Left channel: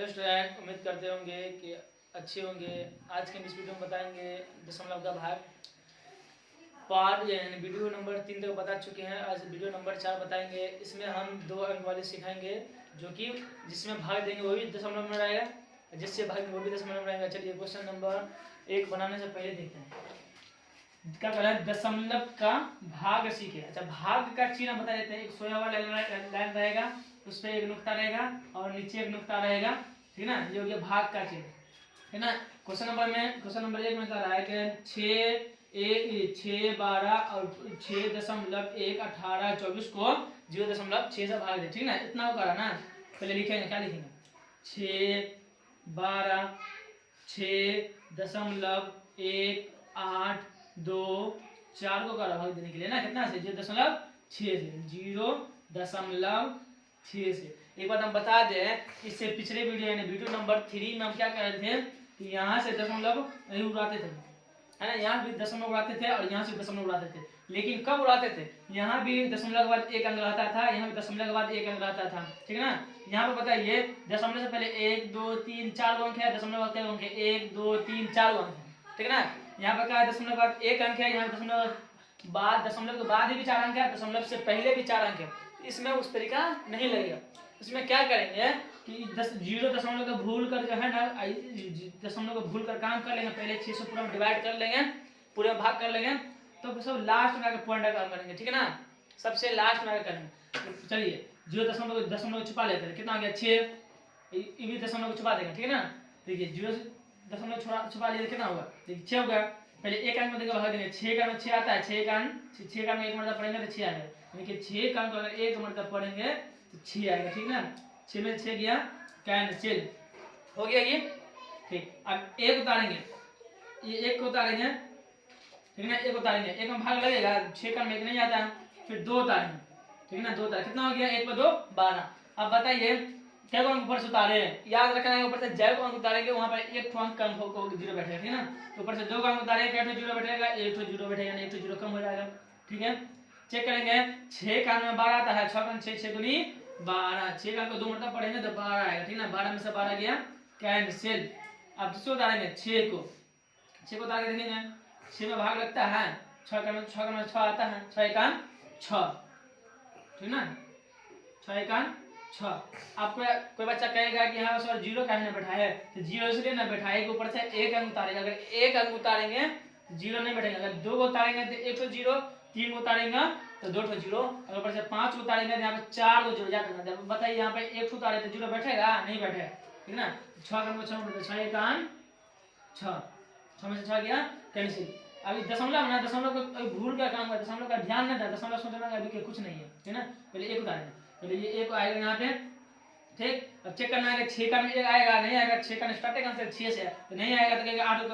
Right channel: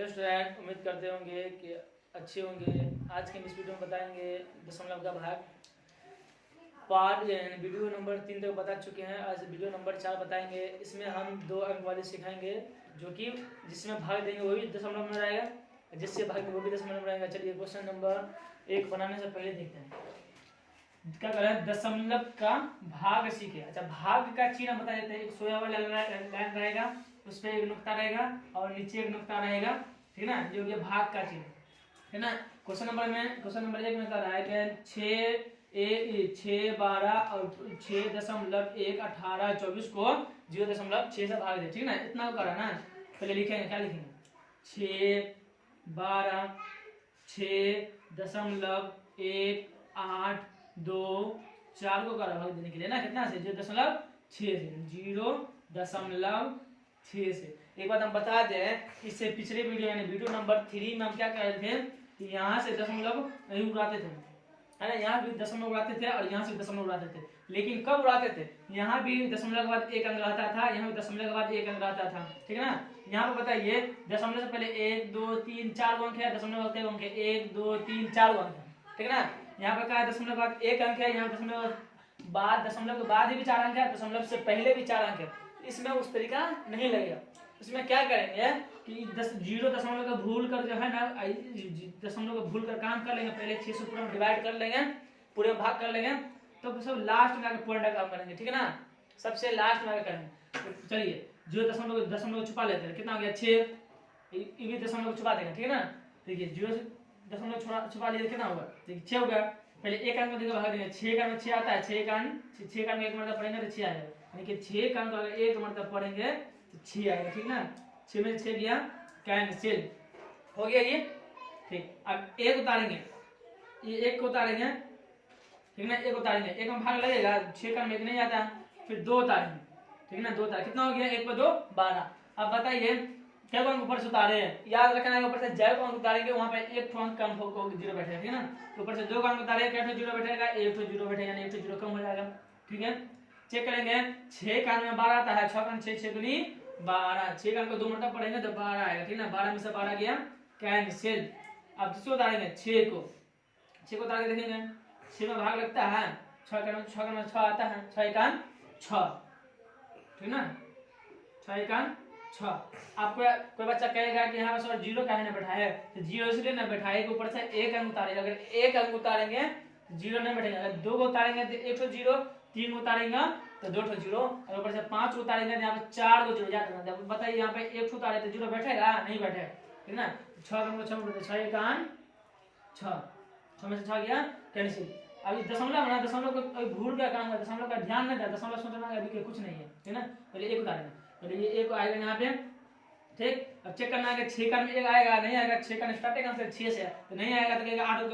Hello student, उम्मीद करते होंगे कि अच्छे होंगे। आज के इस वीडियो में बताएंगे दशमलव का भाग। पार्ट यानी वीडियो नंबर 3 तक बता चुके हैं। आज वीडियो नंबर 4 बताएंगे। इसमें हम 2 अंक वाले सिखाएंगे, जो कि जिसमें भाग देंगे वो भी दशमलव में रहेगा, जिससे भाग देंगे वो भी दशमलव में रहेगा। चलिए क्वेश्चन नंबर 1 बनाने से पहले देखते हैं क्या कर रहा है। दशमलव का भाग सीखे। अच्छा, भाग का चिन्ह बता देते हैं। एक सोया हुआ लाइन रहेगा, उस पर एक नुक्ता रहेगा और नीचे एक नुक्ता रहेगा, ठीक है ना। ये हो गया भाग का चिन्ह, है ना। क्वेश्चन नंबर 1 में बता रहा है कि 6, 12 और 6.1 18 24 को 0.6 से भाग दे, ठीक है ना। इतना होगा ना। पहले लिखेंगे, क्या लिखेंगे? 6, 12, 6.1 8 2 4 को भाग देने के लिए ना, कितना से 0.6 से 0.6 से। एक बात हम बता दें, इससे पिछले वीडियो यानी वीडियो नंबर 3 में हम क्या कर रहे थे कि यहाँ से दशमलव नहीं उड़ाते थे, है ना। यहाँ भी दशमलव उड़ाते थे और यहाँ से दशमलव उड़ाते थे। लेकिन कब उड़ाते थे? यहाँ भी दशमलव के बाद एक अंक रहता था, यहाँ भी दशमलव के बाद एक अंक रहता था, ठीक है ना। यहाँ पे बताइए, दशमलव से पहले 1 2 3 4 अंक है, दशमलव के अंक है 1 2 3 4 अंक है, ठीक है ना। यहाँ पे क्या है, दशमलव के बाद एक अंक है, यहाँ दशमलव के बाद ही भी 4 अंक है, दशमलव से पहले भी 4 अंक है। इसमें उस तरीका नहीं लगेगा। इसमें क्या करेंगे कि 0 दशमलव का भूल कर जो है ना, दशमलव का भूल कर काम कर लेंगे। पहले 6 से पूरा डिवाइड कर लेंगे, पूरे भाग कर लेंगे, तो सब लास्ट में आकर पॉइंट का काम करेंगे, ठीक है ना। सबसे लास्ट में आकर करेंगे। तो चलिए 0 दशमलव छुपा लेते हैं। कितना हो गया? 6। ये भी दशमलव छुपा देंगे, ठीक है ना। देखिए 0 छुपा लिया, कितना होगा? देखिए 6 होगा। पहले एक अंक में देखो भाग देंगे। 6 का 6 आता है, 6 का एक मतलब पढ़ेंगे तो 6 आ जाएगा। यानी कि 6 का अगर एक मतलब पढ़ेंगे तो 6 आएगा, ठीक ना। 6 में 6 गया, कैंसिल हो गया ये, ठीक। अब एक उतारेंगे, ये एक को उतारेंगे, ठीक ना। एक उतारेंगे, एक में भाग लगेगा, 6 का एक नहीं आता है। फिर 2 उतारेंगे, ठीक है ना। 2 उतारे, कितना हो गया? 1 पर 2 12। अब बताइए क्या अंक ऊपर से उतारे? याद रखना है, ऊपर से जब अंक उतारेंगे वहां पर एक अंक कम होगा, 0 बैठेगा, ठीक है ना। ऊपर से 2 अंक उतारे, एक 0 बैठेगा, एक 0 बैठेगा, एक 0 कम हो जाएगा, ठीक है। चेक करेंगे, 6 का में 12 आता है, 6 का 6 6 दूनी 12, 6 का 2 मतलब पढ़ेंगे तो 12 आएगा, ठीक ना। 12 में से 12 गया, कैंसिल। अब दूसरा उतारेंगे 6 को उतार के देखेंगे, 6 में भाग लगता है, 6 का 6 आता है, 6 का 6, ठीक ना। 6 का 6। आपको कोई बच्चा कहेगा कि यहाँ पर 0 काहे ना बैठा है, तो 0 इसलिए ना बैठा है कि ऊपर से एक अंक उतारेगा। अगर एक अंक उतारेंगे 0 नहीं बैठेगा। अगर 2 को उतारेंगे तो 1 0, 3 को उतारेंगे तो 2 0, और ऊपर से 5 को उतारेंगे तो यहाँ पे 4 को 0 जाकर बताइए, यहाँ पे 1 उतारे तो 0 बैठेगा? नहीं बैठेगा, ठीक ना। 6 का 6 का 6 में से 6 गया, कैंसिल। अभी दशमलव ना, दशमलव को भूल का काम है, दशमलव का ध्यान नहीं था, दशमलव सोचना अभी के कुछ नहीं है, ठीक ना। पहले एक उतारेंगे, पहले ये एक आएगा यहाँ पे, ठीक। अब चेक करना है कि 6 का एक आएगा, नहीं आएगा। 6 का स्टार्टिंग आंसर 6 से, तो नहीं आएगा तो कहेगा 8 को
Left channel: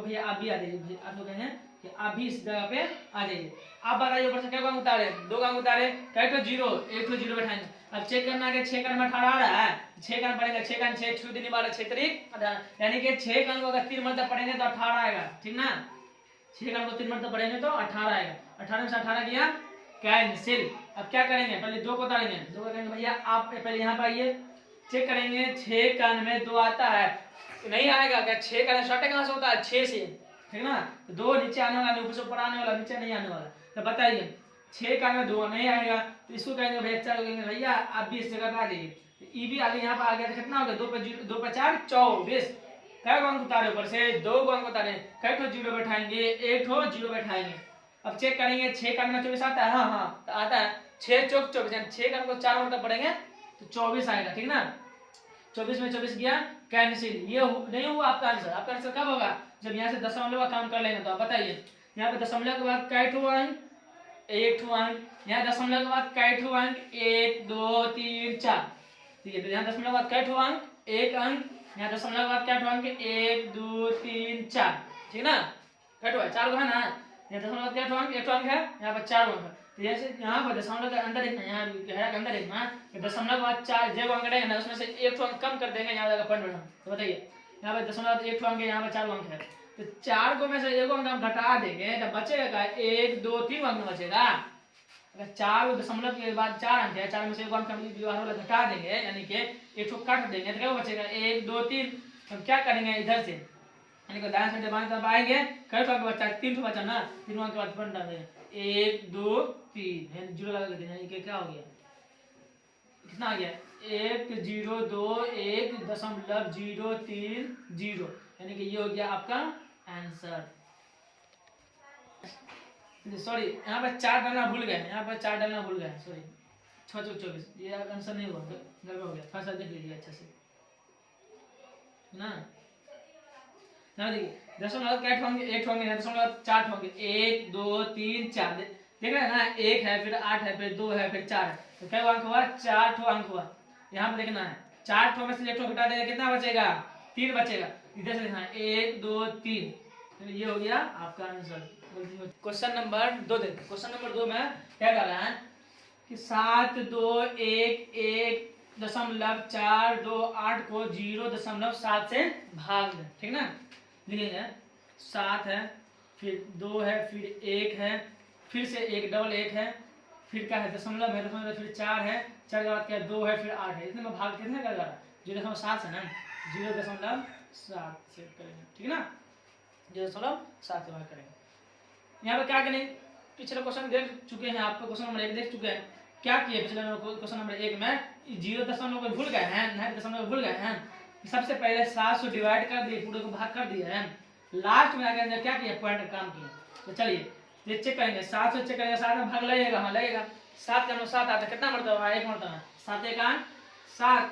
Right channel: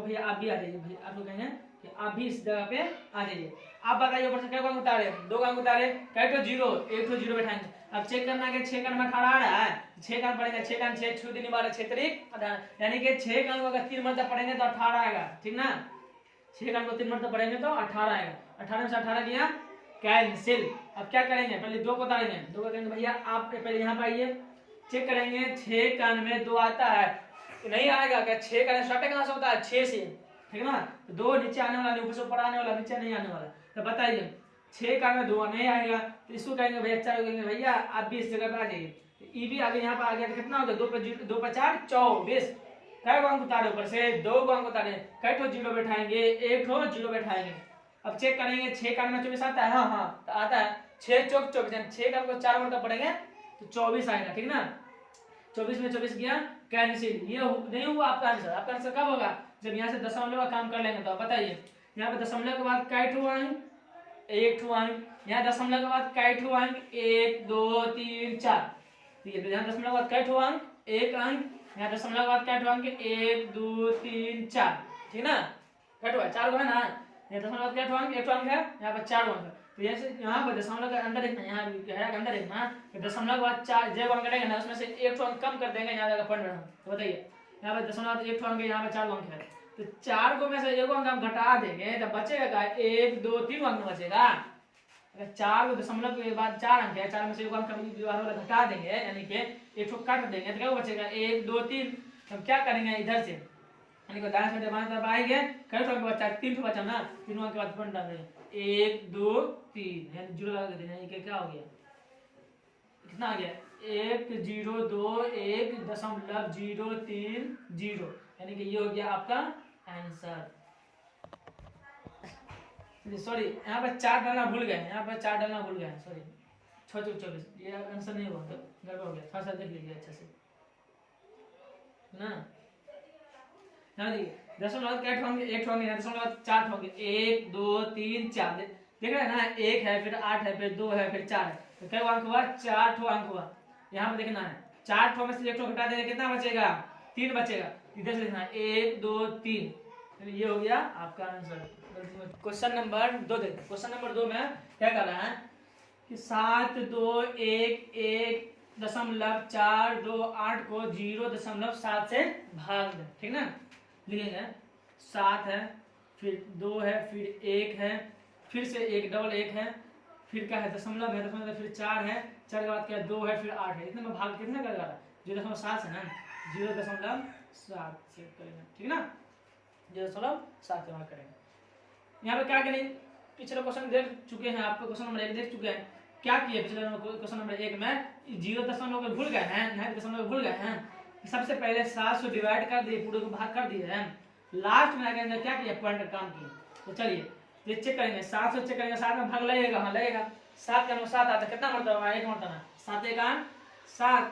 भैया आप भी आ जाइए, भैया 8 को कहेंगे कि आप भी इस जगह पे आ जाइए। आप बताइए ऊपर से क्या अंक उतारे? 2 अंक उतारे, कहे तो 0, एक 0 बैठाएंगे। अब चेक करना है कि 6 का 18 आ रहा है, 6 का पढ़ेंगे, 6 का 6 6 दिन 12 6 तारीख, यानी कि 6 का अगर 3 मतलब पढ़ेंगे तो 18 आएगा, ठीक ना। 6 का 3 मतलब पढ़ेंगे तो 18 आएगा। 18 में से 18 गया, कैंसिल। अब क्या करेंगे? पहले 2 को उतारेंगे, 2 को कहेंगे भैया आप पहले यहाँ पे आइए। चेक करेंगे 6 का में 2 आता है, नहीं आएगा क्या? 6 का स्टार्टिंग कहां से होता है? 6 से, ठीक है ना। तो 2 नीचे आने वाला, ऊपर से ऊपर आने वाला, नीचे नहीं आने वाला। तो बताइए 6 का में 2 नहीं आएगा, तो इसको कहेंगे भैया, चलो कहेंगे भैया आप भी इस जगह पे आ जाइए। ई भी आगे यहाँ पे आ गया, तो कितना होगा? 2 पर 4 24। कई अंक उतारे? ऊपर से 2 अंक उतारे, कई ठो 0 बैठाएंगे, एक ठो 0 बैठाएंगे। अब चेक करेंगे 6 का में 24 आता है, हाँ तो आता है। 6 चौक 24, 6 का 4 मतलब पढ़ेंगे तो 24 आएगा, ठीक ना। 24 में 24 गया, कैंसिल। ये नहीं हुआ आपका आंसर। आपका आंसर कब होगा? जब यहाँ से दशमलव का काम कर लेंगे। तो आप बताइए यहाँ पे दशमलव के बाद कै ठो अंक? एक ठो अंक। यहाँ दशमलव के बाद कै ठो अंक? 1 2 3 4, ठीक है। तो यहाँ दशमलव के बाद कै ठो अंक? एक अंक। यहाँ दशमलव के बाद कै ठो अंक? 1 2 3 4, ठीक ना। कै ठो है? 4 है ना। यहाँ दशमलव कै ठो अंक? एक ठो अंक है, यहाँ पर 4 अंक है। तो जैसे यहाँ पर दशमलव के अंदर एक यहाँ के अंदर एक ना, तो दशमलव के बाद 4 जब अंक रहेगा ना, उसमें से एक ठो अंक कम कर देंगे, यहाँ जाकर पॉइंट बैठा। तो बताइए यहाँ पे दशमलव एक ठो अंक है, यहाँ पे 4 अंक है, तो 4 को में से एक अंक हम घटा देंगे तो बचेगा 1 2 3 अंक बचेगा। अगर 4 दशमलव के बाद 4 अंक है, 4 में से एक अंक हम बाहर वाला घटा देंगे, यानी कि एक को काट देंगे तो क्या बचेगा 1 2 3। हम क्या करेंगे इधर से, यानी कि दाएं से बाएं तरफ आएंगे, कै ठो बचा 3 ठो बचा ना, 3 अंक के बाद बन डालेंगे 1 2 3, यानी जीरो लगा देंगे, यानी कि क्या हो गया कितना आ गया 1 0 2 1 दशमलव 0 3 0, यानी कि ये हो गया आपका आंसर। सॉरी यहाँ पर 4 डालना भूल गए, यहाँ पर 4 डालना भूल गए, सॉरी 6 चौक 24, ये आंसर नहीं हुआ, गड़बड़ हो गया, थोड़ा सा देख लीजिए अच्छे से ना। यहाँ देखिए दशमलव क्या होंगे, 1 होंगे, दशमलव 4 होंगे, 1 2 3 4, देख रहे हैं ना, 1 है फिर 8 है फिर 2 है फिर 4 है, तो क्या अंक हुआ 4 ठो अंक हुआ। यहाँ पर देखना है 4 ठो में से 1 ठो घटा देंगे कितना बचेगा 3 बचेगा, इधर से देखना है 1 2 3, तो ये हो गया आपका आंसर। क्वेश्चन नंबर 2 देखते हैं। क्वेश्चन नंबर 2 में क्या कर रहा है कि 7 2 1 1 दशमलव 4 2 8 को 0.7 से भाग दें, ठीक ना। लिखेंगे 7 है फिर 2 है फिर 1 है फिर से 1 डबल 1 है फिर क्या है दशमलव है, दशमलव फिर 4 है, 4 के बाद क्या 2 है फिर 8 है, इतने में भाग कितने कर रहा है 0.7 है ना, 0.7 से करेंगे, ठीक ना, 0.7 से भाग करेंगे। यहाँ पे क्या करें, पिछले क्वेश्चन देख चुके हैं आप, क्वेश्चन नंबर 1 देख चुके हैं, क्या किए पिछले क्वेश्चन नंबर 1 में 0 को भूल गए हैं, दशमलव भूल गए हैं, सबसे पहले 7 से डिवाइड कर दिए, पूरे को भाग कर दिए हैं, लास्ट में आगे क्या किया पॉइंट काम किए। तो चलिए ये चेक करेंगे, 7 से चेक करेंगे, 7 में भाग लगेगा, हाँ लगेगा, 7 के 7 आता है, कितना मरतबा है 1 मरतबा, 7 1 7,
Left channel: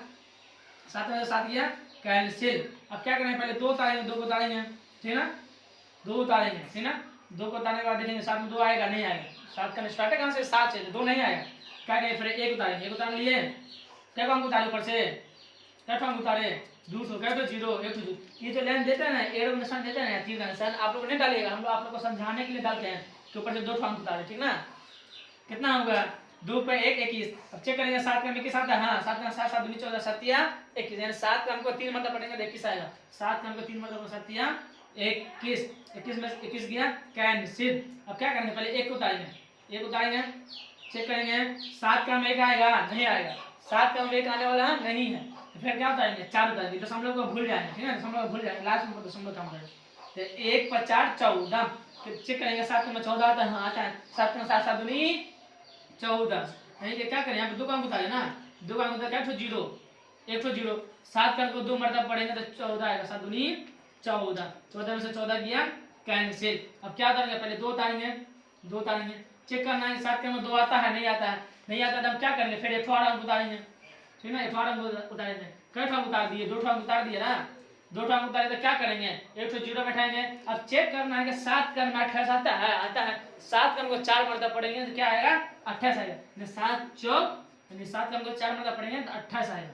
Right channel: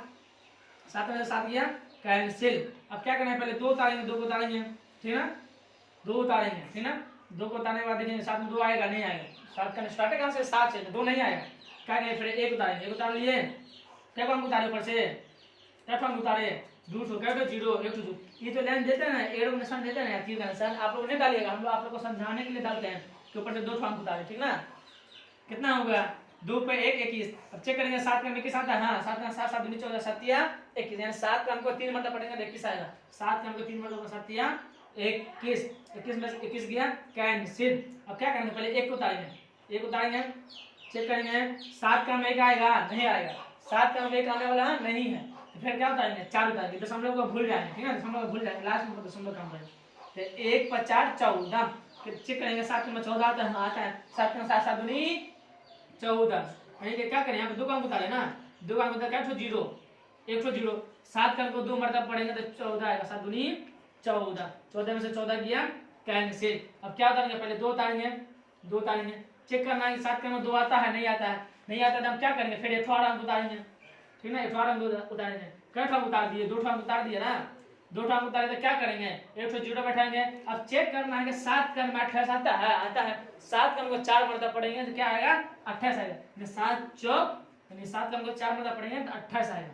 7 में 7 किया कैंसिल। अब क्या करना है पहले 2 उतारेंगे, 2 को उतारेंगे, ठीक है ना, 2 उतारेंगे, ठीक है ना, 2 को उतारने के बाद देखेंगे 7 में 2 आएगा नहीं आएगा, 7 का स्टार्ट कहाँ से 7 से, 2 नहीं आएगा, क्या करें फिर 1 उतारेंगे, 1 उतार लिए, क्या अंक उतारे ऊपर से, क्या अंक उतारे 2 क्या 0 1 2, ये जो लाइन देते हैं ना एरो का निशान देते हैं ना, तीर का निशान आप लोग नहीं डालिएगा, हम लोग आप लोग को समझाने के लिए डालते हैं कि ऊपर से 2 अंक उतारे, ठीक ना। कितना होगा 2 पे 1 21, अब चेक करेंगे 7 का 21 आता है, हाँ 7 का 7 7 14 7 21, यानी 7 का हमको 3 मतलब पड़ेगा 21 आएगा, 7 का हमको 3 मतलब 7 21, 21 में 21 गया कैंसिल। अब क्या करेंगे पहले 1 को उतारेंगे, 1 उतारेंगे चेक करेंगे 7 का हम 1 आएगा नहीं आएगा, 7 का हम 1 आने वाला है नहीं है, तो फिर क्या उतारेंगे 4 उतारेंगे, दशमलव को भूल जाएंगे, ठीक है दशमलव भूल जाएंगे, लास्ट में दशमलव काम करेंगे, तो 1 5 4 14, फिर चेक करेंगे 7 में 14 आता है, हाँ आता है, 7 में 7 7 दूनी 14, यानी कि क्या करें यहाँ पे 2 का अंक उतारे ना, 2 का अंक उतारे क्या 0 1 0, 7 का को 2 मरतबा पड़ेगा तो 14 आएगा, 7 दूनी 14, 14 में से 14 गया कैंसिल। अब क्या उतारेंगे पहले 2 उतारेंगे, 2 उतारेंगे चेक करना है 7 में 2 आता है नहीं आता है, नहीं आता तो हम क्या करेंगे फिर 18 अंक उतारेंगे, ठीक है ना, 18 अंक उतारेंगे, कै ठो उतार दिए 2 अंक उतार दिए ना, 2 अंक उतारे तो क्या करेंगे 1 0 बैठाएंगे। अब चेक करना है कि 7 का 28 आता है, 7 का हमको 4 मरतबा पड़ेंगे तो क्या आएगा 28 आएगा, 7 चौक यानी 7 का हमको 4 मरतबा पड़ेंगे तो 28 आएगा,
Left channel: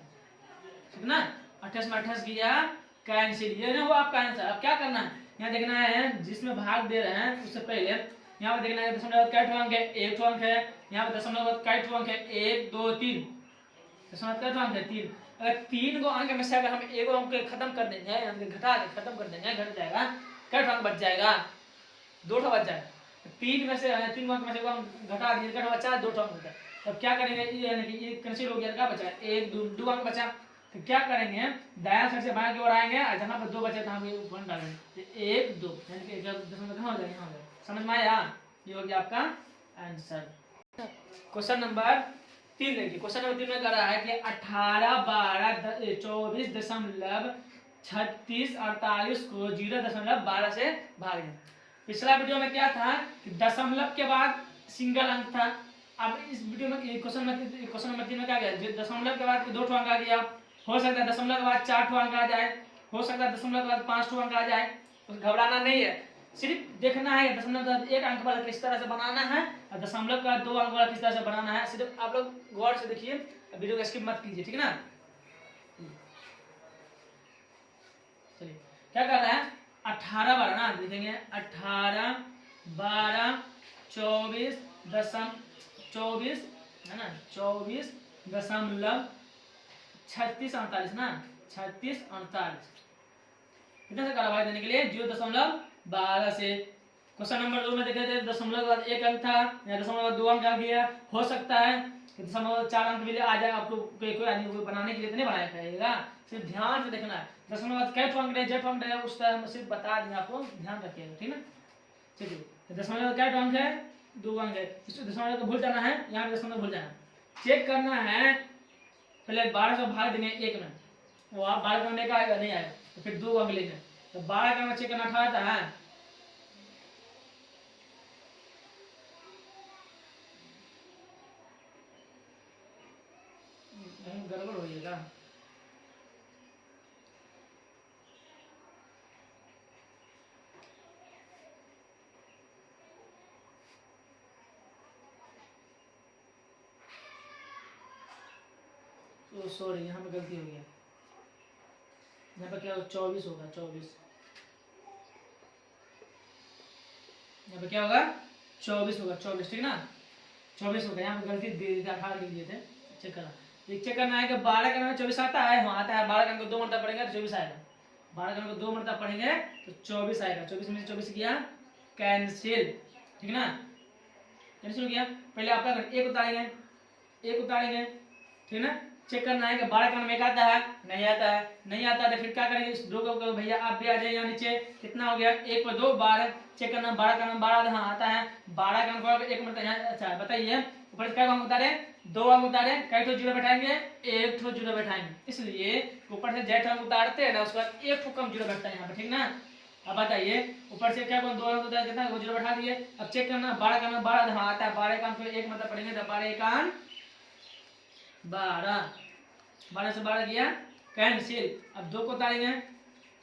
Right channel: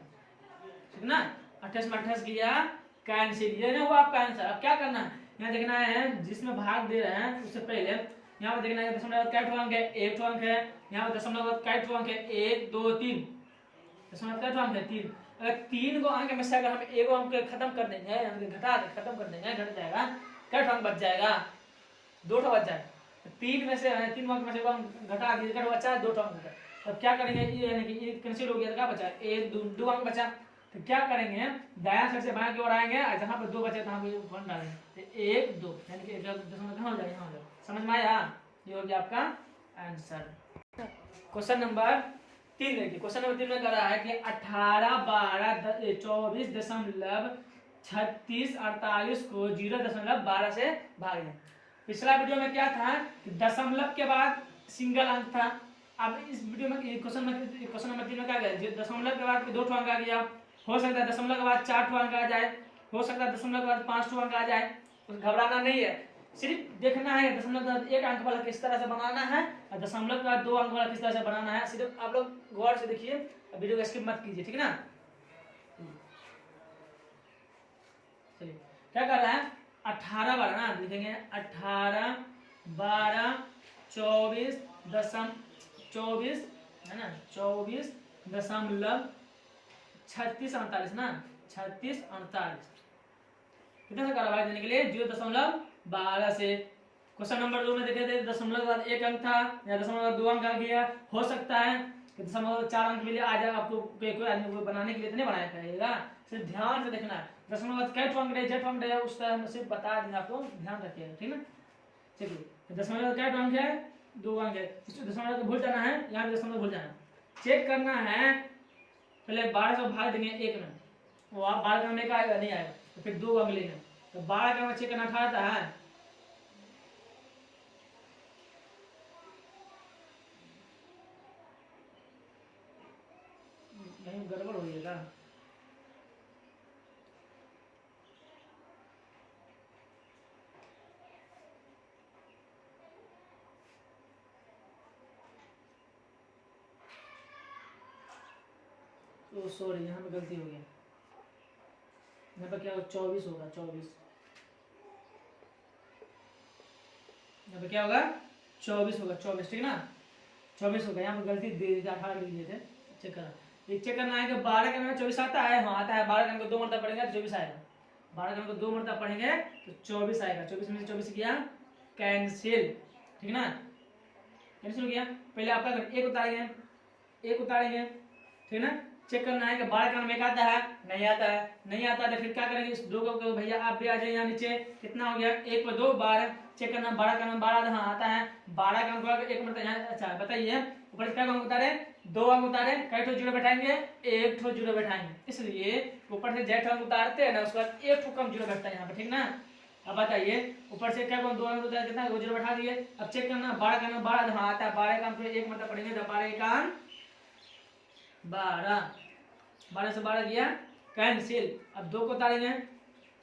ठीक ना, 28 में 28 किया कैंसिल, ये ना हुआ आपका आंसर। अब क्या करना है यहाँ देखना है जिसमें भाग दे रहे हैं उससे पहले यहाँ पे देखना है दशमलव कै ठो अंक है 1 ठो अंक है, यहाँ पे दशमलव कै ठो अंक है 1 2 3, दशमलव कै ठो अंक है 3, अगर 3 गो अंक में से अगर हम 1 अंक खत्म कर देंगे यानी घटा के खत्म कर देंगे घट जाएगा, कै ठो अंक बच जाएगा 2 ठो बच जाएगा, 3 में से 3 अंक में से घटा दिए कै ठो बचा 2 ठो अंक बचा। तब क्या करेंगे यानी कि ये कैंसिल हो गया, क्या बचा 1 2 अंक बचा, तो क्या करेंगे दायां साइड से बाएं की ओर आएंगे और जहां पर 2 बचे तहां पे 1 डालेंगे, 1 2 यानी कि दशमलव कहां हो जाएगा यहाँ हो जाएगा, समझ में आया, ये हो गया आपका आंसर। क्वेश्चन नंबर 3 देखिए, क्वेश्चन नंबर 3 में कर रहा है कि 18 12 24 दशमलव 36 48 को 0.12 से भाग दें। पिछला वीडियो में क्या था कि दशमलव के बाद सिंगल अंक था, अब इस वीडियो में क्वेश्चन नंबर 3 में क्या गया दशमलव के बाद 2 ठो अंक आ गया, हो सकता है दशमलव के बाद 4 ठो अंक आ जाए, हो सकता है दशमलव के बाद 5 ठो अंक आ जाए, तो घबराना नहीं है, सिर्फ देखना है दशमलव के बाद 1 अंक वाला किस तरह से बनाना है और दशमलव के बाद 2 अंक वाला किस तरह से बनाना है, सिर्फ आप लोग गौर से देखिए, वीडियो को स्किप मत कीजिए, ठीक है ना। चलिए क्या कर रहा है 18 12 ना लिखेंगे 18 12 24 है ना 24 दशमलव 36 48 ना 36 48 कितना से काला भाई देने के लिए 0.12 से क्वेश्चन नंबर 2 में देखे थे दशमलव के बाद 1 अंक था, या दशमलव के बाद 2 अंक आ गया। हो सकता है कि दशमलव के बाद 4 अंक भी आ जाए आपको, कोई आदमी को बनाने के लिए तो नहीं बनाया जाएगा, सिर्फ ध्यान से देखना है। दशमलव के बाद कई अंक रहे, जेठ अंक रहे, उस तरह मैं सिर्फ बता देंगे आपको, ध्यान रखिएगा, ठीक ना। चलिए दशमलव का अंक है, 2 अंक है, दशमलव को भूल जाना है, यहाँ पे दशमलव भूल जाना है। चेक करना है, पहले 12 से भाग देंगे 1 में, वो आप 12 करने का आएगा नहीं आएगा, तो फिर 2 अंक लेंगे, तो 12 का चेक करना था नहीं, गड़बड़ हो जाएगा। तो सॉरी, यहाँ पे गलती हो गया, यहाँ पे क्या 24 होगा, 24 यहाँ पे क्या होगा 24 होगा, 24 ठीक ना, 24 होगा। यहाँ पे गलती दे दी, 18 लिख दिए थे। चेक करना, चेक करना है कि 12 का में 24 आता है, हाँ आता है। 12 का को 2 मरतबा पढ़ेंगे तो 24 आएगा, 12 का को 2 मरतबा पढ़ेंगे तो 24 आएगा। 24 में से 24 किया कैंसिल, ठीक ना, कैंसिल हो गया। पहले आपका 1 उतारेंगे, 1 उतारेंगे, ठीक ना। चेक करना है कि 12 का में आता है, नहीं आता है, नहीं आता है तो फिर क्या करेंगे, इस 2 को भैया आप भी आ जाइए यहाँ नीचे, कितना हो गया 1 पर 2 12। चेक करना 12 का 12, हाँ आता है। 12 का 1 मतलब यहाँ, अच्छा बताइए ऊपर से क्या अंक उतारे, 2 अंक उतारे, कई ठो जीरो बैठाएंगे, 1 ठो जीरो बैठाएंगे, इसलिए ऊपर से जेठ अंक उतारते हैं ना, उसके बाद 1 ठो कम जीरो बैठता है यहाँ पर, ठीक ना। अब बताइए ऊपर से क्या 2 अंक उतारे, कितना वो जीरो बैठा दिए। अब चेक करना 12 का 12, हाँ आता है। 12 का अंक 1 मतलब पढ़ेंगे तो 12 का 12, 12 से 12 किया कैंसिल। अब 2 को उतारेंगे,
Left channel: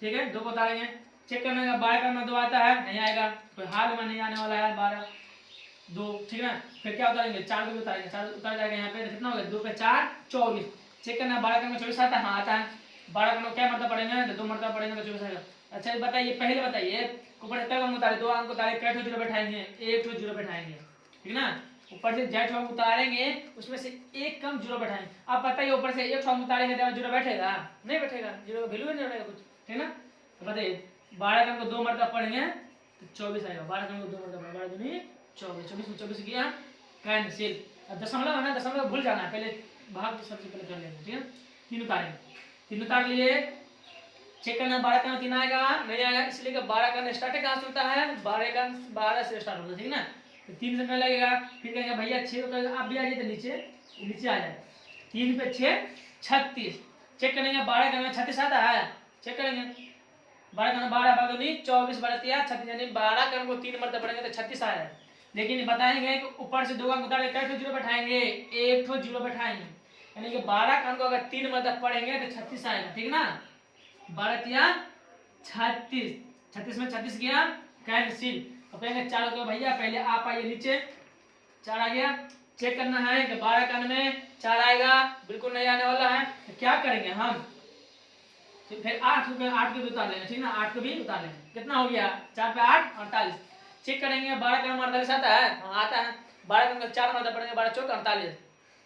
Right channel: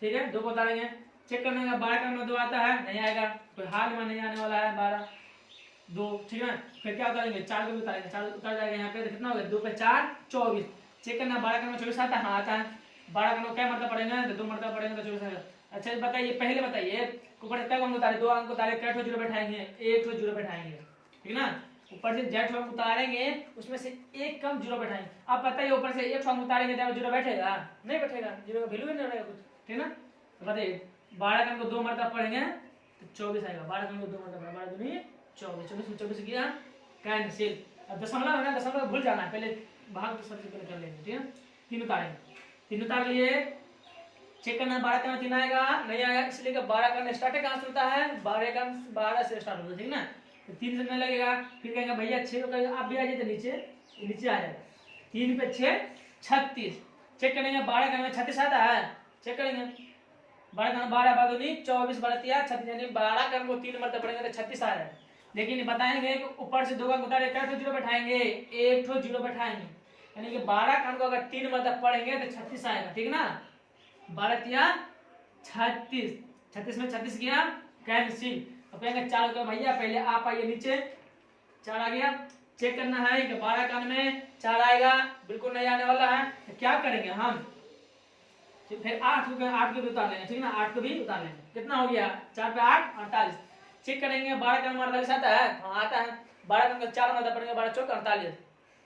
ठीक है, 2 को उतारेंगे। चेक करने का 12 का 2 आता है, नहीं आएगा, कोई हाल में नहीं आने वाला है 12 2, ठीक है। फिर क्या उतारेंगे, 4 को उतारेंगे, 4 उतार जाएगा यहाँ पे, कितना हो गया 2 पे 4 24। चेक करना 12 का 24 आता है, हाँ आता है। 12 का क्या मतलब पढ़ेंगे तो 2 मरतबा पढ़ेंगे तो 24 आएगा। अच्छा बताइए, पहले बताइए ऊपर कई अंक उतारे, 2 अंक उतारे, कई ठो जीरो बैठाएंगे, 1 ठो जीरो बैठाएंगे, ठीक ना। ऊपर से जेठ अंक उतारेंगे, उसमें से 1 कम जीरो बैठाएंगे। आप बताइए ऊपर से 1 अंक उतारेंगे तो जीरो बैठेगा, नहीं बैठेगा, जीरो का वैल्यू नहीं रहेगा कुछ, ठीक ना। तो बताइए 12 का 2 मरतबा पढ़ेंगे तो 24 आएगा। 12 का 2 मरतबा, 12 दूनी 24, 24 में 24 किया कैंसिल। अब दशमलव है ना, दशमलव भूल जाना है, पहले भाग सबसे पहले कर लेंगे, ठीक है। 3 उतारेंगे, 3 उतार लिए। चेक करना 12 का 3 आएगा, नहीं आएगा, इसलिए 12 का स्टार्टिंग कहाँ से होता है, 12 से स्टार्ट होता है, ठीक ना। तो 3 से नहीं लगेगा, फिर कहेंगे भैया 6 को आप भी आ जाइए, तो नीचे आ जाएगा। 3 पे 6 36। चेक करेंगे 12 का 36 आता है, चेक करेंगे 12 का 12 बार 24 बरतिया 36, यानी 12 का को 3 मरतबा पढ़ेंगे तो 36 आ जाएगा। लेकिन बताएंगे कि ऊपर से 2 अंक उतारे, कई ठो जीरो बैठाएंगे, 1 ठो जीरो बैठाएंगे, यानी कि 12 का को अगर 3 मरतबा पढ़ेंगे तो 36 आएगा, ठीक ना। 12 किया 36, 36 में 36 किया कैंसिल। अब कहेंगे 4 को भैया पहले आप आइए नीचे, 4 आ गया। चेक करना है कि 12 का में 4 आएगा, बिल्कुल नहीं आने वाला है, तो क्या करेंगे हम, फिर 8 को भी उतार लेंगे, ठीक ना, 8 को भी उतार लेंगे। कितना हो गया 4 पे 8 48। चेक करेंगे 12 का 48 आता है, हाँ आता है। 12 का 4 मतलब पड़ेंगे, 12 चौक 48,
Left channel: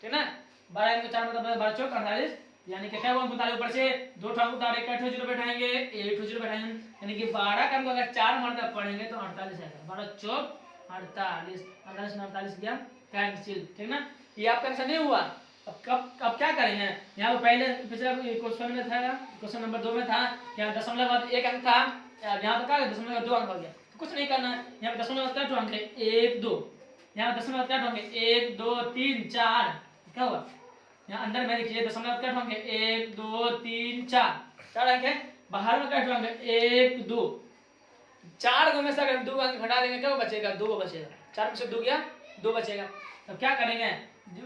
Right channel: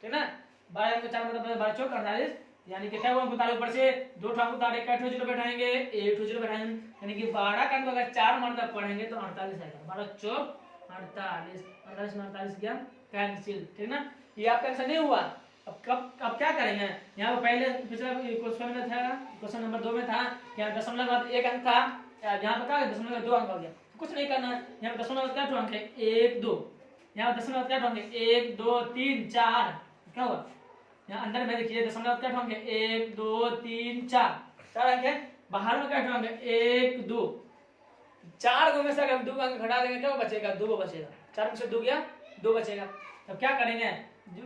ठीक ना। 12 का 4 मतलब 12 चौक 48, यानी कि क्या उतारे, ऊपर से 2 अंक उतारे, कई ठो जीरो बैठाएंगे, 1 ठो जीरो बैठाएंगे, यानी कि 12 का अगर 4 मरतबा पढ़ेंगे तो 48 आएगा। 12 चौक 48, 48 में 48 किया कैंसिल, ठीक ना। ये आपका आंसर नहीं हुआ। अब क्या करेंगे, यहाँ पे पहले पिछले क्वेश्चन में था, क्वेश्चन नंबर 2 में था, यहाँ दशमलव बाद 1 अंक था, यहाँ पे क्या दशमलव 2 अंक हो गया, कुछ नहीं करना है। यहाँ पे दशमलव क्या अंक है 1 2, यहाँ पे दशमलव क्या अंक है 1 2 3 4, क्या हुआ यहाँ अंदर में देखिए दशमलव क्या अंक है 1 2 3 4 अंक है। बाहर में क्या अंक है 1 2, 4 में से अगर 2 अंक घटा देंगे क्या बचेगा, 2 बचेगा। 4 में से 2 गया 2 बचेगा। तब क्या करेंगे,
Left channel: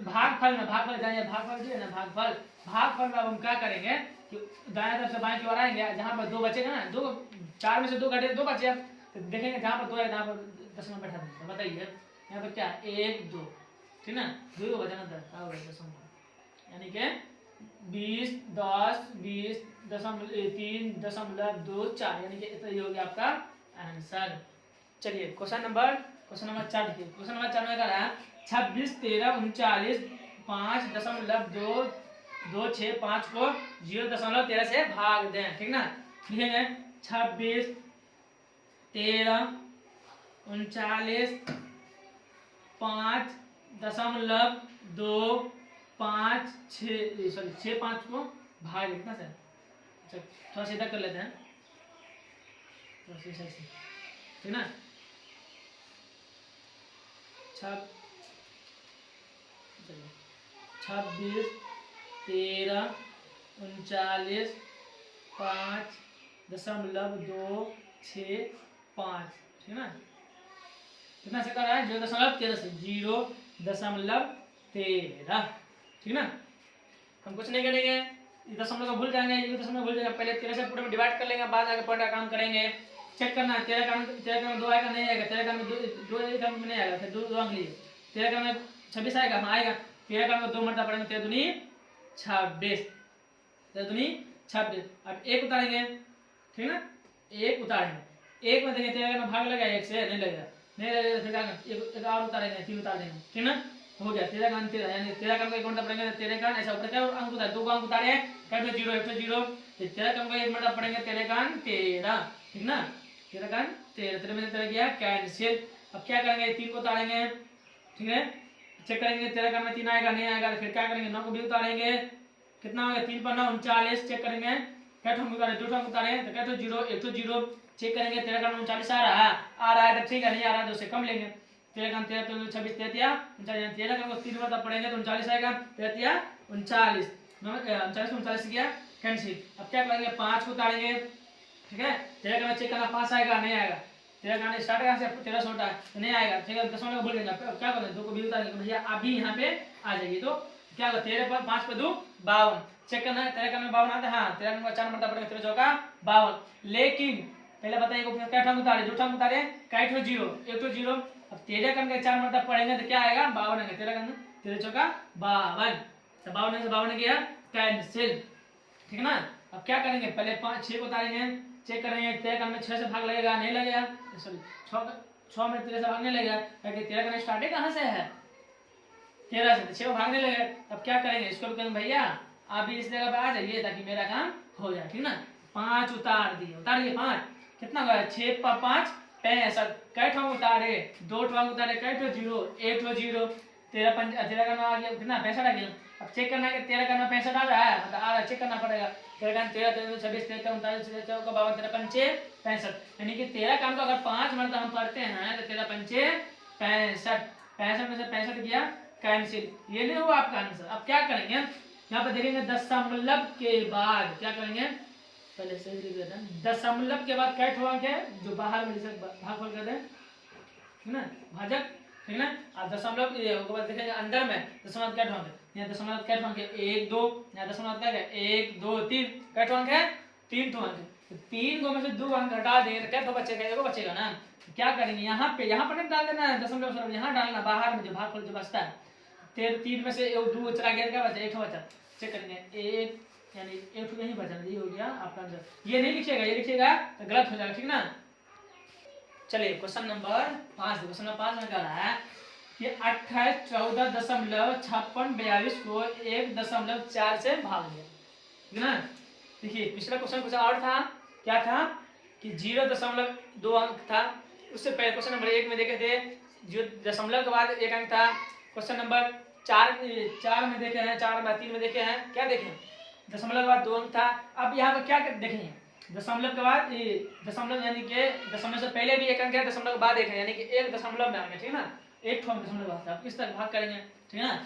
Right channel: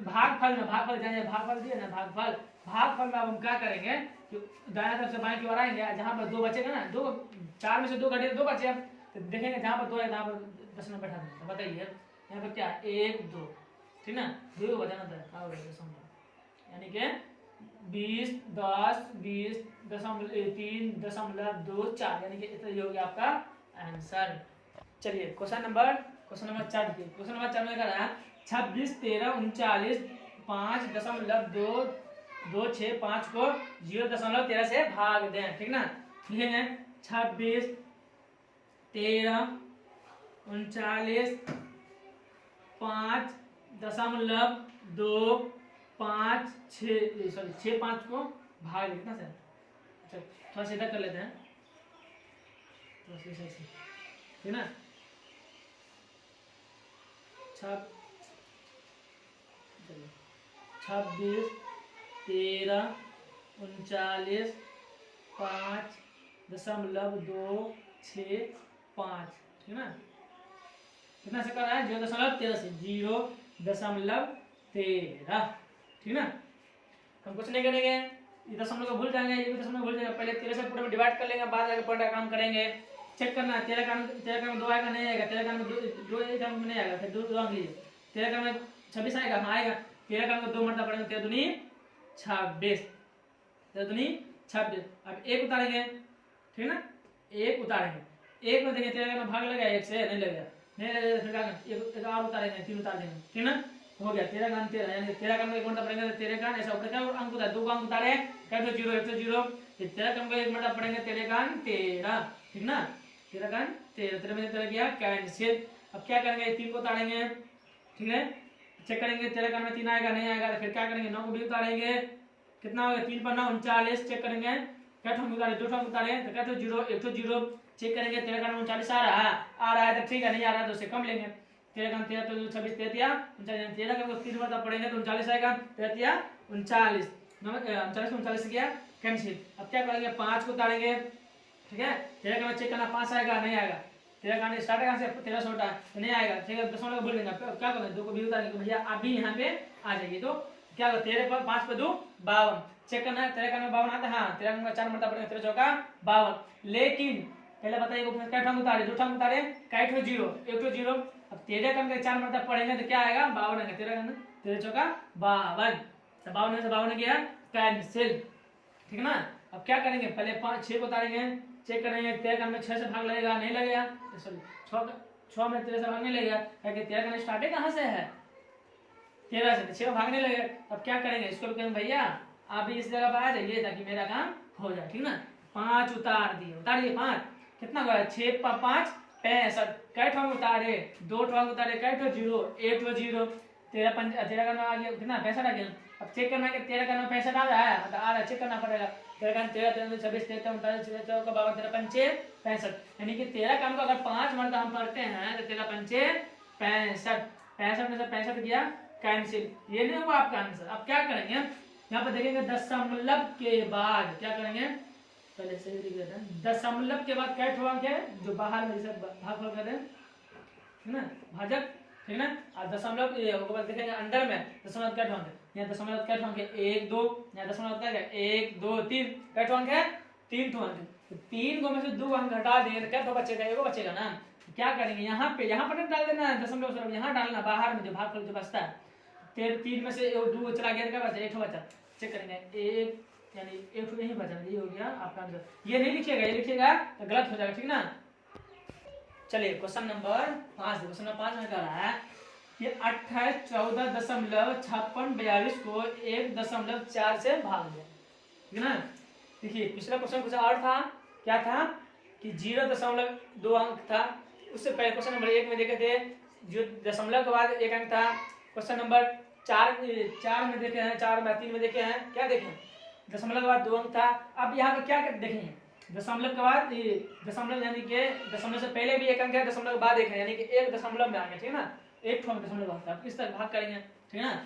भागफल में, भागफल जाएंगे, भागफल दिए ना, भागफल में अब हम क्या करेंगे कि दाएं तरफ से बाएं की ओर आएंगे, जहां पर 2 बचेगा ना, 2 4 में से 2 घटे 2 बचे, तो देखेंगे जहां पर 2 है वहां पर दशमलव बैठा देंगे। तो बताइए यहाँ पर क्या 1 2, ठीक ना, 2 को बचाना था, क्या होगा दशमलव, यानी कि 20 10 20 3.24, यानी कि इतना ही हो गया आपका आंसर। चलिए क्वेश्चन नंबर 4 देखिए। क्वेश्चन नंबर 4 में क्या है 26 13 39 5.226 को 0.13 से भाग दें, ठीक ना। लिखेंगे 26 13 39.256, सॉरी 65 को भाग कितना सर। अच्छा थोड़ा सीधा कर लेते हैं, थोड़ा सा ऐसे, ठीक ना। चलो 26, 13, 39.5.265, ठीक ना। कितना से कर रहा है 0.13 से 0.13, ठीक ना। हम कुछ नहीं करेंगे, ये दशमलव को भूल जाएंगे, ये भी दशमलव भूल जाएंगे, पहले 13 से पूरे में डिवाइड कर लेंगे, बाद आगे पॉइंट का काम करेंगे। चेक करना 13 का 2 आएगा नहीं आएगा, 13 का 2 आएगा नहीं आएगा, फिर 2 अंक लीजिए। 13 का 26 आएगा, हाँ आएगा। 13 का 2 मरता पड़ेगा, 13 दूनी 26, 13 दूनी 26। अब 1 उतारेंगे, ठीक ना, 1 उतारेंगे। 1 में देखिए 13 में भाग लगा 1 से, नहीं लगेगा, नहीं लगेगा, फिर एक और उतारेंगे, 3 उतार देंगे, ठीक ना। हो गया 13 का 13, यानी 13 का अंक 1 मरता पड़ेंगे, 13 का ऐसा ऊपर क्या अंक उतारे, 2 अंक उतारे, कर दो 0, 1 0, 13 का अंक 1 मरता पड़ेंगे, 13 का 13, ठीक ना। 13 का 13, 13 में से 13 गया कैंसिल। अब क्या करेंगे, 3 को उतारेंगे, ठीक है। चेक करेंगे 13 का 3 आएगा नहीं आएगा, फिर क्या करेंगे 9 को भी उतारेंगे, कितना हो गया 3 पर 9 39। चेक करेंगे क्या ठोक उतारे, 2 ठोक उतारे तो क्या 0, 1 0। चेक करेंगे 13 का 39 आ रहा है तो ठीक है, नहीं आ रहा है तो उससे कम लेंगे। 13 का 13 तो 26, 33 39, 13 का 3 मतलब पड़ेंगे तो 39 आएगा, 33 39, 39 39 गया कैंसिल। अब क्या करेंगे 5 को उतारेंगे, ठीक है। 13 का चेक करना 5 आएगा नहीं आएगा, 13 का स्टार्ट कहाँ से 13 से होता है तो नहीं आएगा, ठीक है। दशमलव भूल गए, क्या करें 2 को भी उतारेंगे तो भैया आप भी यहाँ पे आ जाइए। तो क्या होगा 13 पर 5 पर 2 52, चेक करना है 13 का 52 आता है, हाँ 13 का 4 मरता पड़ेगा, 13 चौका 52। लेकिन पहले बताइए क्या ठाम उतारे, 2 ठाम उतारे, काय 0 1 0। अब 13 का 4 मरता पड़ेंगे तो क्या आएगा 52 आएगा, 13 का 13 चौका 52, तो 52 से 52 गया कैंसिल, ठीक है ना। अब क्या करेंगे पहले 6 को उतारेंगे, चेक करेंगे 13 का 6 से भाग लगेगा नहीं लगेगा, सॉरी 6 में 13 से भाग नहीं लगेगा, क्योंकि 13 का स्टार्टिंग कहाँ से है 13 से, 6 भागने लगे। अब क्या करेंगे इसको कहेंगे भैया आप भी इस जगह पर आ जाइए ताकि मेरा काम हो जाए, ठीक ना। 5 उतार दिए, 5 कितना हुआ 6 पर 5 65, कै ठो उतारे 2 ठो उतारे, कै ठो 0 1 ठो 0, 13 का 9 आ गया, कितना 65 आ गया। अब चेक करना है कि 13 का 9 65 आ रहा है, मतलब आ रहा है, चेक करना पड़ेगा। 13 का 13 26 33 39 54 52 53 65, यानी कि 13 का हमको अगर 5 मरता हम पढ़ते हैं तो 13 पंचे 65, 65 में से 65 गया कैंसिल, ये नहीं हुआ आपका आंसर। अब क्या करेंगे यहाँ पे देखेंगे दशमलव के बाद क्या करेंगे, पहले सही लिख देते हैं, दशमलव के बाद क्या ठो अंक है जो बाहर में जैसे भागफल कर दें, ठीक ना, भाजक, ठीक ना। और दशमलव देखेंगे अंदर में दशमलव क्या ठो अंक है, यहाँ दशमलव क्या ठो अंक है 1 2, यहाँ दशमलव क्या है 1 2 3, क्या ठो अंक है 3 ठो अंक है। तो 3 को में से 2 अंक हटा देंगे तो क्या ठो बचेगा, एगो बचेगा ना। क्या करेंगे यहाँ पे नहीं डाल देना है दशमलव, यहाँ डालना बाहर में जो भागफल जो बचता है, 3 में से 2 चला गया, क्या बचा 1 ठो बचा। चेक करेंगे 1 यानी 1 नहीं बचा, ये हो गया आपका आंसर। ये नहीं लिखिएगा, ये लिखिएगा तो गलत हो जाएगा, ठीक ना। चलिए क्वेश्चन नंबर 5, क्वेश्चन नंबर 5 में कह रहा है कि 28 14.56 को 1.4 से भाग दिया, ठीक ना। देखिए पिछला क्वेश्चन कुछ और था, क्या था कि 0.2 अंक था, उससे पहले क्वेश्चन नंबर 1 में देखे थे जो दशमलव के बाद 1 अंक था। क्वेश्चन नंबर 4 में देखे हैं, 3 में देखे हैं, क्या देखे दशमलव के बाद 2 अंक था। अब यहाँ पे क्या देखेंगे दशमलव के बाद दशमलव यानी कि दशमलव से पहले भी 1 अंक है, दशमलव के बाद 1 है, यानी कि 1 दशमलव में आ गया, ठीक है ना। 1 ठो दशमलव आता है, किस तरह भाग करेंगे, ठीक है ना।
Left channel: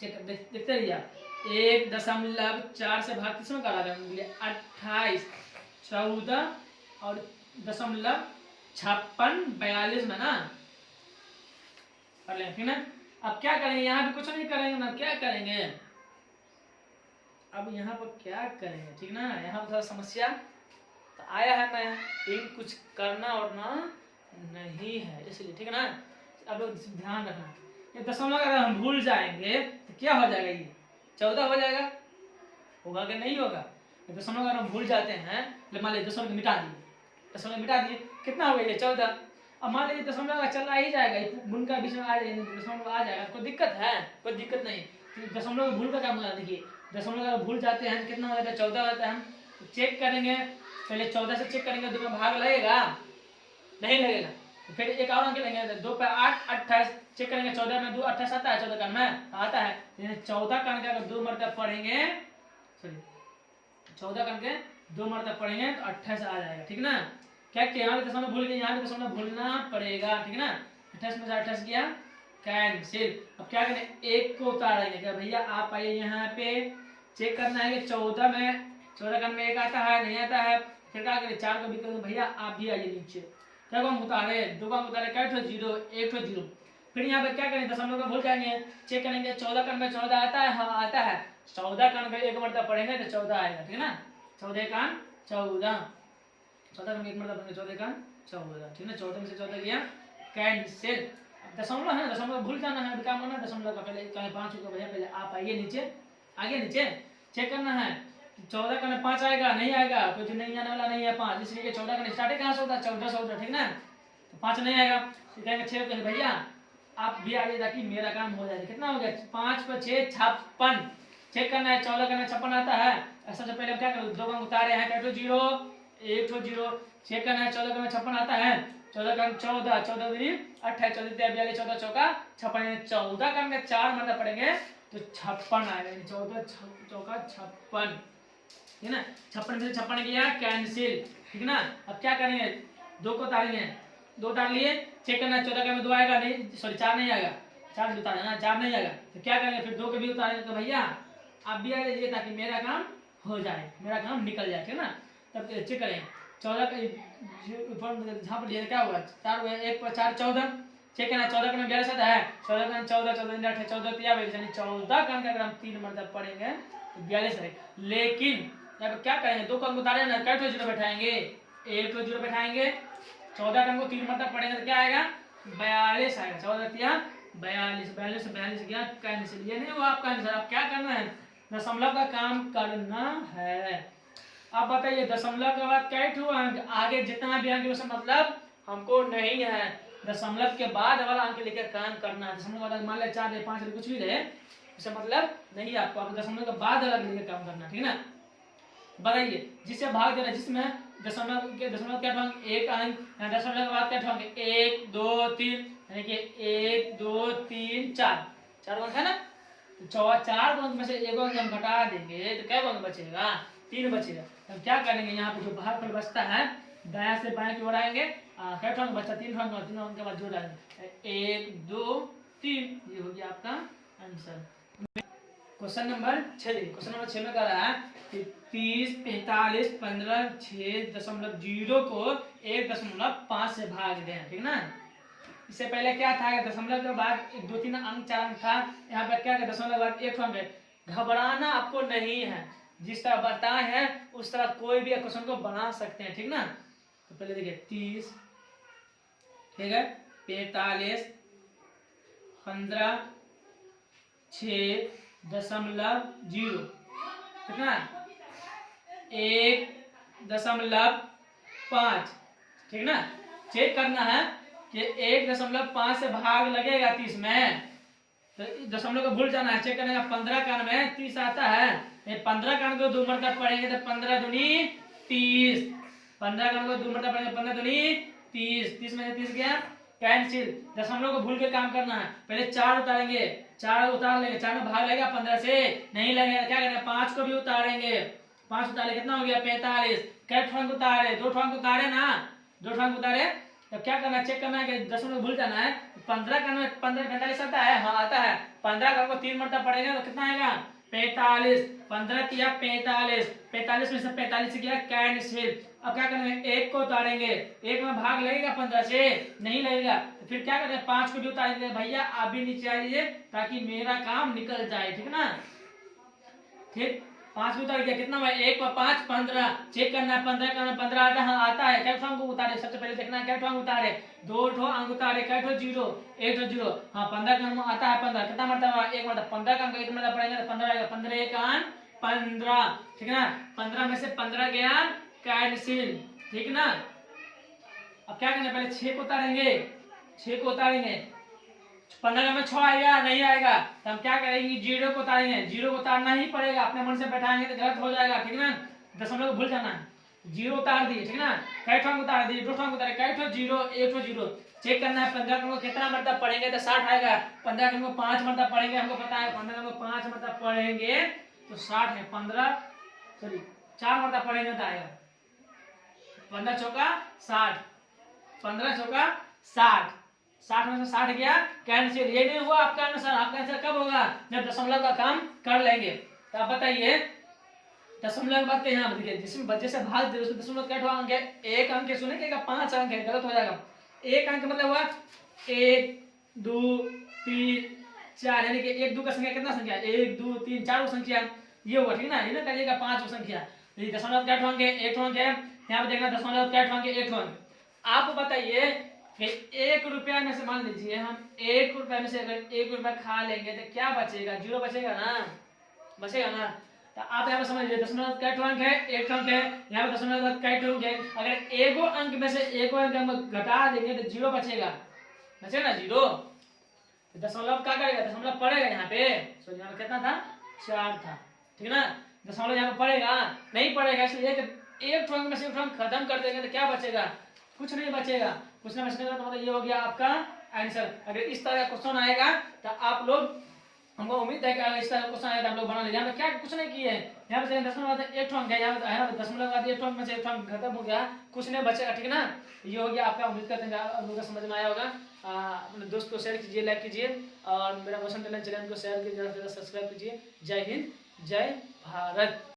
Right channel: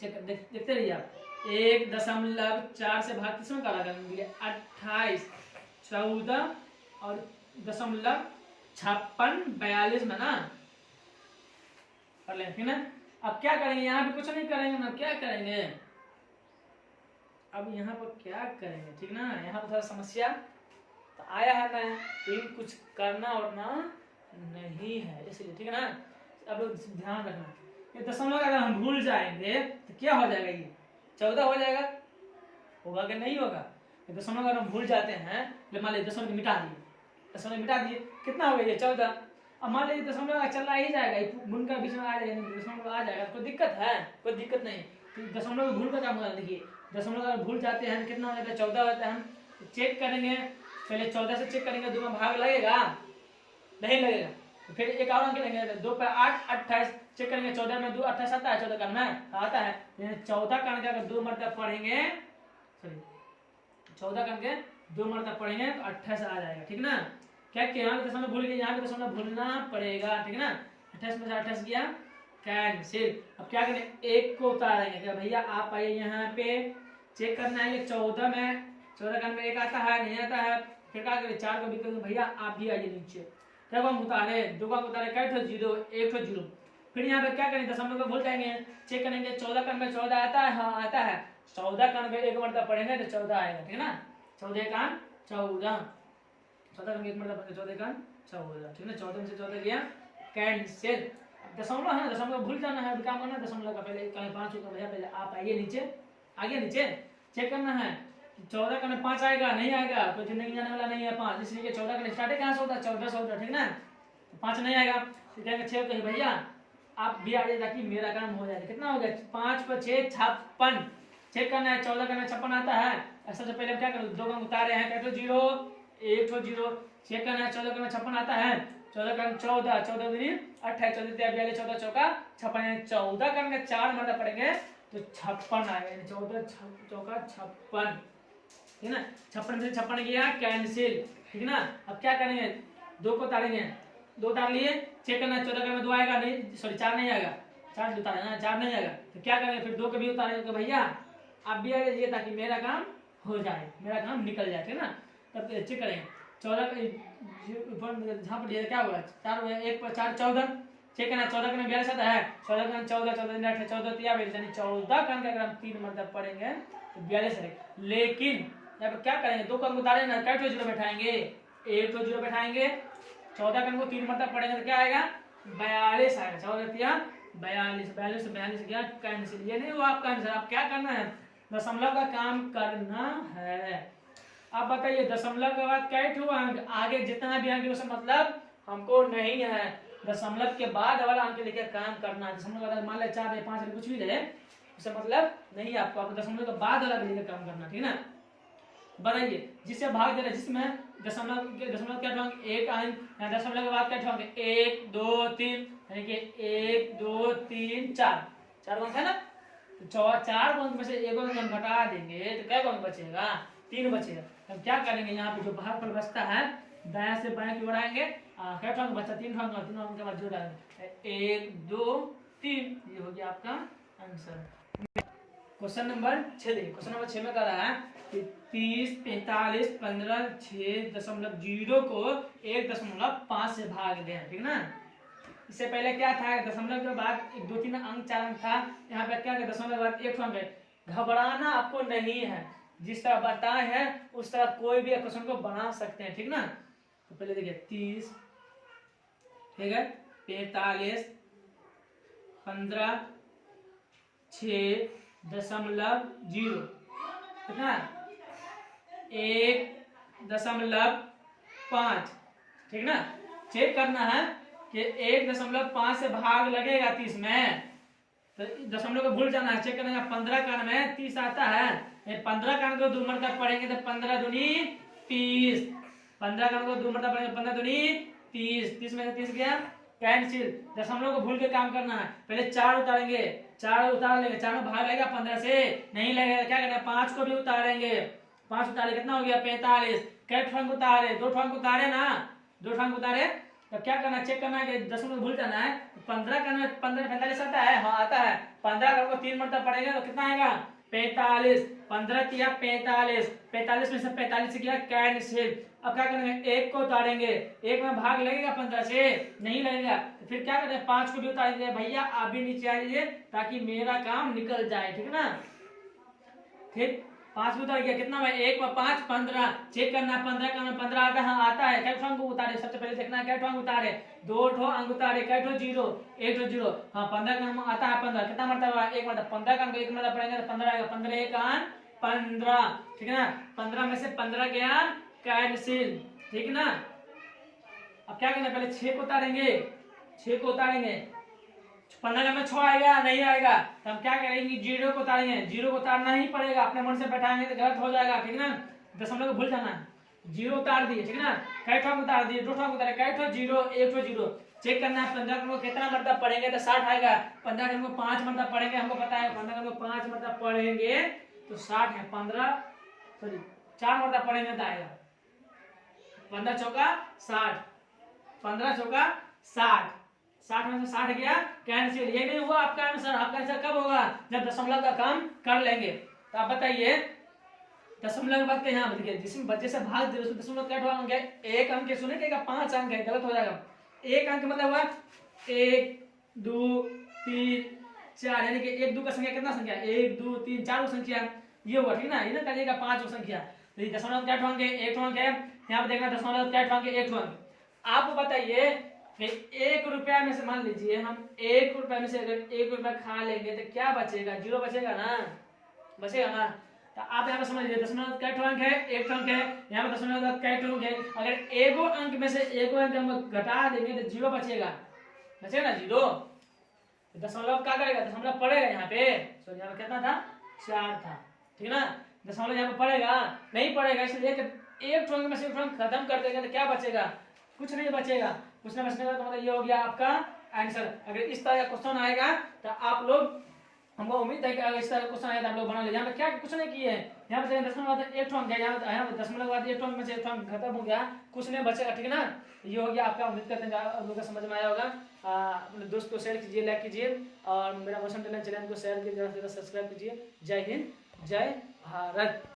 चेक देखते रहिए आप, 1.4 से भाग किसमें करा गया 28 14 और दशमलव 56 42 में ना कर लें, ठीक है। अब क्या करेंगे यहाँ पे कुछ नहीं करेंगे ना, क्या करेंगे अब यहाँ पर क्या करेंगे, ठीक ना। यहाँ पर थोड़ा समस्या तो आया है ना, लेकिन कुछ करना और ना नहीं है, इसलिए ठीक है ना। अब ध्यान रखना, ये दशमलव अगर हम भूल जाएंगे तो क्या हो जाएगा, ये 14 हो जाएगा, होगा कि नहीं होगा। दशमलव अगर हम भूल जाते हैं, मान लीजिए दशमलव मिटा दिए, दशमलव मिटा दिए, कितना हो गया ये 14। अब मान लीजिए दशमलव चला ही जाएगा, गुण का बीच में आ जाएगा, दशमलव आ जाएगा, कोई दिक्कत है, कोई दिक्कत नहीं। तो दशमलव भूल का काम करना, देखिए दशमलव अगर भूल जाते हैं तो कितना हो जाता है 14 होता है। तो चेक करेंगे, पहले 14 से चेक करेंगे, 2 में भाग लगेगा नहीं लगेगा, तो फिर एक और अंक लेंगे, 2 पे 8 28 चेक करेंगे, 14 में 2 28 आता है, 14 का में आता है, 14 का अंक अगर 2 मरतब पढ़ेंगे, सॉरी 14 का अंक 2 मरतब पढ़ेंगे तो 28 आ जाएगा, ठीक ना। क्या कि यहाँ पे दशमलव भूल गए, यहाँ पे दशमलव भूलना पड़ेगा, ठीक ना। 28 में से 28 गया कैंसिल। अब क्या करें, एक को उतारेंगे, क्या भैया आप आइए यहाँ पे चेक करना है कि 14 में 14 में एक आता है नहीं आता है, फिर क्या करें 4 को भी करेंगे, भैया आप भी आइए नीचे, क्या को हम उतारे, 2 का उतारे, क्या ठो 0 1 ठो 0, फिर यहाँ पे क्या करें दशमलव को भूल जाएंगे, चेक करेंगे 14 में 14 आता है, हाँ आता है, 14 में एक मरतब पढ़ेंगे तो 14 आएगा, ठीक है ना। 14 का 14, 14 में एक मरतब पढ़ेंगे 14 का 14, ठीक है ना। 14 में से 14 गया कैंसिल। दशमलव है, दशमलव भूल जाना है, काम करना दशमलव का, पहले कहीं 5 होगा भैया, पहले आप आइए नीचे, आगे नीचे चेक करना है, 14 का 5 आएगा नहीं आएगा, तो नहीं आने वाला नहीं है 5, इसलिए 14 का स्टार्टिंग कहाँ से होता है 14 से होता, ठीक ना। तो 5 नहीं आएगा, तो कहेंगे 6 कहेंगे भैया आप भी आगे ताकि मेरा काम हो जाए। कितना हो गया 5 पर 6 56, चेक करना है 14 का 56 आता है, सबसे पहले हम क्या करें 2 का उतारे हैं, क्या 0 1 0, चेक करना है 14 का 56 आता है, 14 का 14 14 दूनी 28 14 42 14 चौका 56, 14 का 4 मतलब पड़ेंगे तो 56 आ गए, 14 चौका 56, ठीक है ना। 56 से 56 गया कैंसिल, ठीक है ना। अब क्या करेंगे 2 को उतारेंगे, 2 उतार लिए, चेक करना है 14 का 2 आएगा नहीं, सॉरी 4 नहीं आएगा, 4 भी उतारे ना 4 नहीं आएगा, तो क्या करेंगे फिर 2 को भी उतारेंगे, तो भैया आप भी आ जाइए ताकि मेरा काम हो जाए, मेरा काम निकल जाए, ठीक ना। तब चेक करेंगे 14 का क्या हुआ 4 हुआ, 1 पर 4 14, चेक करना 14 का 42 आता है, 14 का 14 14 18 14 यानी 14 का अगर हम 3 मतलब पढ़ेंगे तो 42 है। लेकिन यहाँ पे क्या करेंगे 2 का अंक उतारे ना, क्या 0 बैठाएंगे, 1 को 0 बैठाएंगे, 14 का अंक 3 मतलब पढ़ेंगे तो क्या आएगा 42 आएगा, 14 42 42 42 क्या कैंसिल, ये नहीं वो आपका आंसर। आप क्या करना है दशमलव का काम करना है। आप बताइए दशमलव के बाद क्या हुआ, आगे जितना भी अंक मतलब हमको नहीं है, दशमलव के बाद वाला अंक लेकर काम करना है। दशमलव वाला मान ले 4 रहे 5 रहे कुछ भी रहे उससे मतलब नहीं है आपको, आप दशमलव के बाद वाला लेकर काम करना, ठीक है ना। बताइए जिससे भाग दे रहा है, जिसमें दशमलव क्या ठोंगे एक अंक, दशमलव के बाद क्या ठोंगे 1 2 3, यानी कि 1 2 3 4 4 अंक है ना, तो 4 अंक में से एक अंक हम घटा देंगे तो क्या अंक बचेगा 3 बचेगा। हम क्या करेंगे यहाँ पे जो भागफल बचता है दायां से बाएं की ओर आएंगे, क्या ठोंगे बचता 3 अंक, 3 अंक के बाद जोड़ डालेंगे 1 2 3, ये हो गया आपका आंसर। क्वेश्चन नंबर 6 देखिए, क्वेश्चन नंबर 6 में कह रहा है कि 30 45 15 6.0 को 1.5 से भाग दें, ठीक ना। इससे पहले क्या था दशमलव के बाद 2 3 अंक 4 अंक था, यहाँ पे क्या दशमलव के बाद 1 अंक है। घबराना आपको नहीं है, जिस तरह बताए हैं उस तरह कोई भी क्वेश्चन को बना सकते हैं, ठीक ना। तो पहले देखिए 30 ठीक है 45 15 6.0 कितना 1.5, ठीक ना। चेक करना है कि 1.5 से भाग लगेगा 30 में, तो दशमलव को भूल जाना है। चेक करना है 15 का में 30 आता है, 15 का को 2 मरतब पढ़ेंगे तो 15 दूनी 30, 15 का को 2 मरतब पढ़ेंगे 15 दूनी 30, 30 में से 30 गया कैंसिल। दशमलव को भूल के काम करना है, पहले 4 उतारेंगे, 4 उतार लेंगे, 4 में भाग लगेगा 15 से नहीं लगेगा, क्या करना 5 को भी उतारेंगे, 5 उतारे कितना हो गया 45, कै ठंग उतारे 2 ठंग उतारे ना, 2 ठंग उतारे। तब क्या करना चेक करना है कि दशमलव भूल जाना है, 15 का में 15 45 आता है, हाँ आता है, 15 का को 3 मरतब पढ़ेंगे तो कितना आएगा 45, 15 किया 45, 45 में से 45 किया कैंसिल। अब क्या करेंगे 1 को उतारेंगे, 1 में भाग लगेगा 15 से नहीं लगेगा, तो फिर क्या करें 5 को भी उतारेंगे। भैया आप भी नीचे आइए ताकि मेरा काम निकल जाए, ठीक ना। ठीक 5 उतार गया कितना भाई 1 पर 5 15, चेक करना है 15 का 15 आता है, हाँ आता है, कै ठो अंक उतारे सबसे पहले देखना है कै ठो अंक उतारे, 2 ठो अंक उतारे, कै ठो 0 1 ठो 0, हाँ 15 का अंक आता है 15, कितना मरतब 1 मरतब, 15 का अंक 1 मरतब पड़ेगा तो 15 आएगा, 15 1 अंक 15, ठीक है ना। 15 में से 15 गया कैंसिल, ठीक ना। अब क्या करना पहले 6 को उतारेंगे, 6 को उतारेंगे, 15 में 6 आएगा नहीं आएगा, तो हम क्या करेंगे 0 को उतारेंगे, 0 को उतारना ही पड़ेगा, अपने मन से बैठाएंगे तो गलत हो जाएगा, ठीक ना। दशमलव को भूल जाना है, 0 उतार दिए, ठीक ना। कै ठो उतार दिए 2 ठो उतारे, कै ठो 0 1 ठो 0, चेक करना है 15 को कितना मतलब पढ़ेंगे तो 60 आएगा। 15 को 5 मतलब पढ़ेंगे, हमको पता है 15 को 5 मतलब पढ़ेंगे तो 60 है। 15 सॉरी 4 मतलब पढ़ेंगे तो आएगा 15 चौका 60, 15 चौका 60, 60 में से 60 गया कैंसिल। ये नहीं हुआ आपका आंसर। आपका आंसर कब होगा जब दशमलव का काम कर लेंगे। तो आप बताइए दशमलव के बाद के यहाँ लिखिए जिसमें बच्चे से भाग दे उसमें दशमलव क्या अंक है, एक अंक है। सुने क्या 5 अंक है, गलत हो जाएगा। एक अंक मतलब हुआ 1 2 3 4, यानी कि 1 2 का संख्या कितना संख्या 1 2 3 4 संख्या ये हुआ, ठीक ना। ये ना करिएगा 5 संख्या। दशमलव क्या अंक है, 1 अंक है। यहाँ पे देखना दशमलव क्या अंक है, 1 अंक। आप बताइए कि 1 रुपया में से मान लीजिए हम 1 रुपया में से अगर 1 रुपया खा लेंगे तो क्या बचेगा, 0 बचेगा ना, बचेगा ना। तो आप यहाँ पे समझिए दशमलव क्या अंक है, 1 अंक है। यहाँ पे दशमलव क्या अंक है, अगर एगो अंक में से एगो अंक हम घटा देंगे तो 0 बचेगा, बचेगा ना 0। दशमलव क्या करेगा, दशमलव पड़ेगा यहाँ पे। सो यहाँ पे कितना था 4 था, ठीक है ना। दशमलव यहाँ पे पड़ेगा नहीं पड़ेगा, इसलिए एक अंक में से एक अंक खत्म कर देंगे तो क्या बचेगा, कुछ नहीं बचेगा। कुछ नहीं बचेगा तो मतलब ये हो गया आपका आंसर। अगर इस तरह का क्वेश्चन आएगा तो आप लोग, हमको उम्मीद है कि अगर इस तरह का क्वेश्चन आएगा तो आप लोग बना लीजिए। यहाँ पे क्या कुछ नहीं किए हैं, यहाँ पे दशमलव एक अंक है, यहाँ पे दशमलव बाद एक अंक में से एक अंक खत्म हो गया, कुछ नहीं बचेगा, ठीक है ना। ये हो गया आपका। उम्मीद करते हैं आप लोगों को समझ में आया होगा। अपने दोस्त को शेयर कीजिए, लाइक कीजिए और मेरा क्वेश्चन चैनल को शेयर कीजिए, सब्सक्राइब कीजिए। जय हिंद, जय भारत।